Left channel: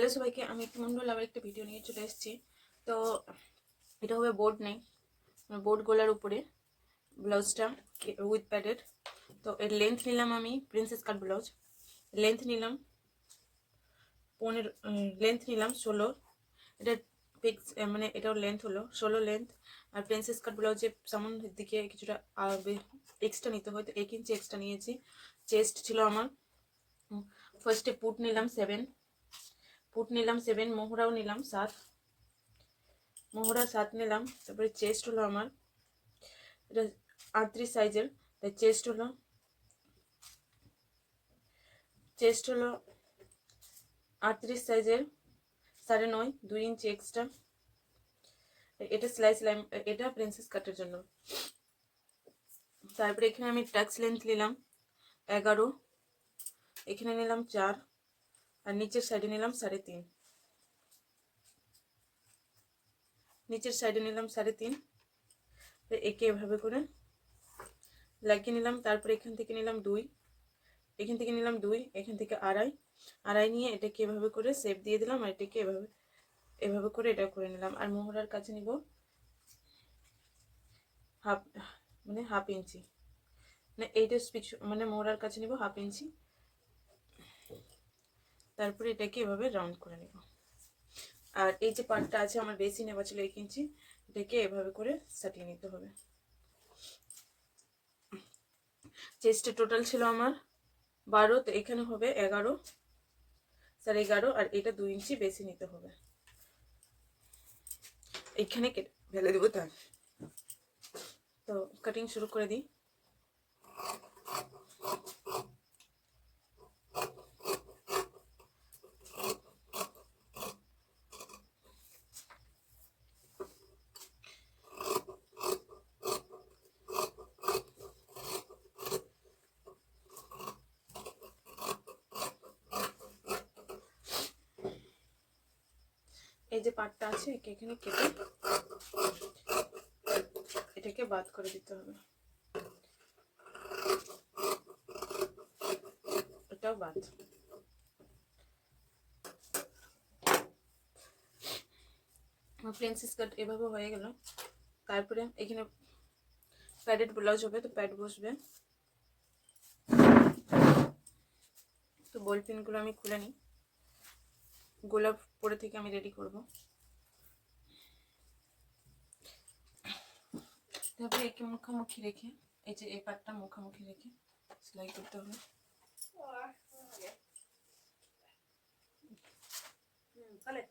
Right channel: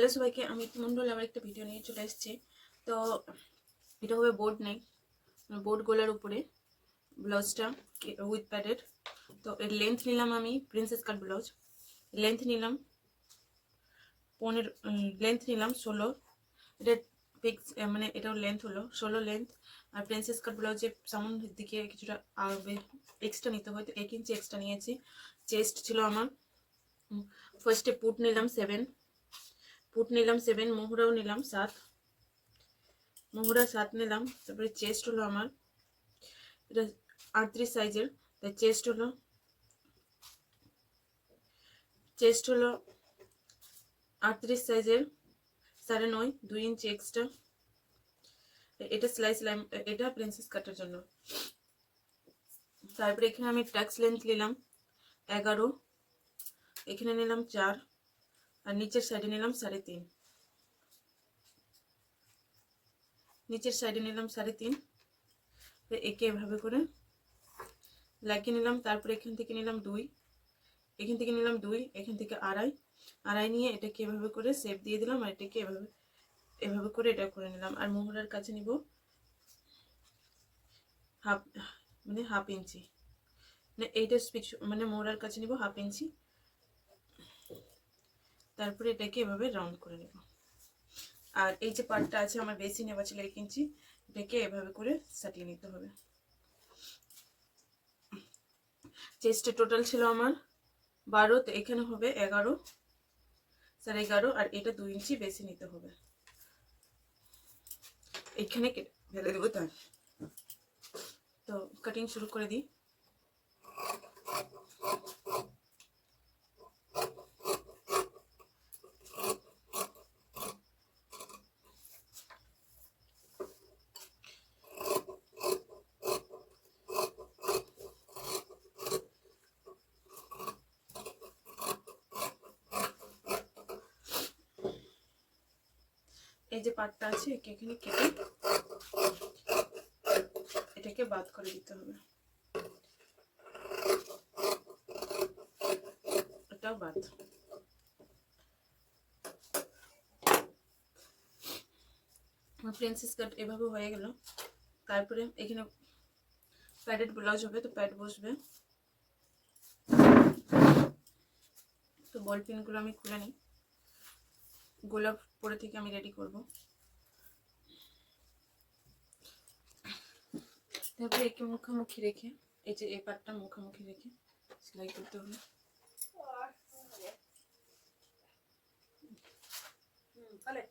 হ্যালো সবাইকে, আমি মন্ডল আবার একটা ভিডিও নিয়ে চলে এসেছি। তো এটা হবে বোর্ড নেক, বোর্ড গলার উপরে ব্লাউজটা উইথ প্যাডেড। তো এর লেন্থ নিলাম আমি প্রিন্সেস কাট ব্লাউজ, লেন্থ নিলাম 16। এটা ফিক্স মানে এটাও লেন্থ হলো 16 লেন্থ। আর প্রিন্সেস কাট ব্লাউজের সামনের দিকে কিছুটা এক্সট্রা নিতে হয়, তো 1 ইঞ্চি এক্সট্রা নিয়েছি। চেস্ট ছিল আমার, ফার্স্টে পুট নিলাম 7, মোহরাও নিলাম 7, মোহরা 7 নিলাম। তারপরে চেস্ট হলো আমার এটা 38 সাইজের, তাই চেস্ট হলো 38 সাইজের 9.5, 2 ইঞ্চি এক্সট্রা। এটা স্লাইস লাইন, এটা প্রিন্সেস কাটের জন্য। তারপরে এখানে আমি টাক্স লেন্থ নিলাম 11, এখানে নিলাম 4, আর নিচের সাইডে নিলাম 3.5, নিচের সাইডে নিলাম 3.5। একে এভাবে করে লাগিয়ে নিলাম। তারপরে এখান থেকে নিলাম 2, এখান থেকে নিলাম 2, এখান থেকে 2.5 নিয়ে এটাকে এভাবে করে শেপ দিয়ে দিলাম, আর এটাকে এভাবে করে এটা করে নিলাম। আর মোহরার কাছে নিব হাফ ইঞ্চি, মানে এইটা মানে মোহরার কাছে নিব হাফ ইঞ্চি। তারপরে এটাকে এভাবে রাউন্ড করে নেব। আর এই যে পার্টটা আছে আমার বেশি নেওয়া ছিল 1 ইঞ্চি, এটাকে এভাবে করে সাটিয়ে নিতে হবে। চেস্টে টোটাল ছিল আমার 12, তো এখানে হবে 11, 11.5, আর এটা 2 ইঞ্চি বেশি নিতে হবে। এখানে কেটে ফেলে দেবো। তো কাটিং শুরু করে দিই। এই যে পার্টটা আছে এখানে কেটে এটাকে বাদ করে দিতে হবে, এটাও বাদ। প্রিন্সেস কাট এভাবে হয়ে গেল। তারপরে এখানে প্যাডেড ব্লাউজ হবে, তো প্যাড বসবে। তো বল পিনগুলো আমি খুলে নিই, গোলাপ পরে থেকে আমি রেডি করব। তারপরে একে মুখামুখি রেখে, এই যে এই পাটটা মুখামুখি রেখে সেলাই করতে হবে। তাহলে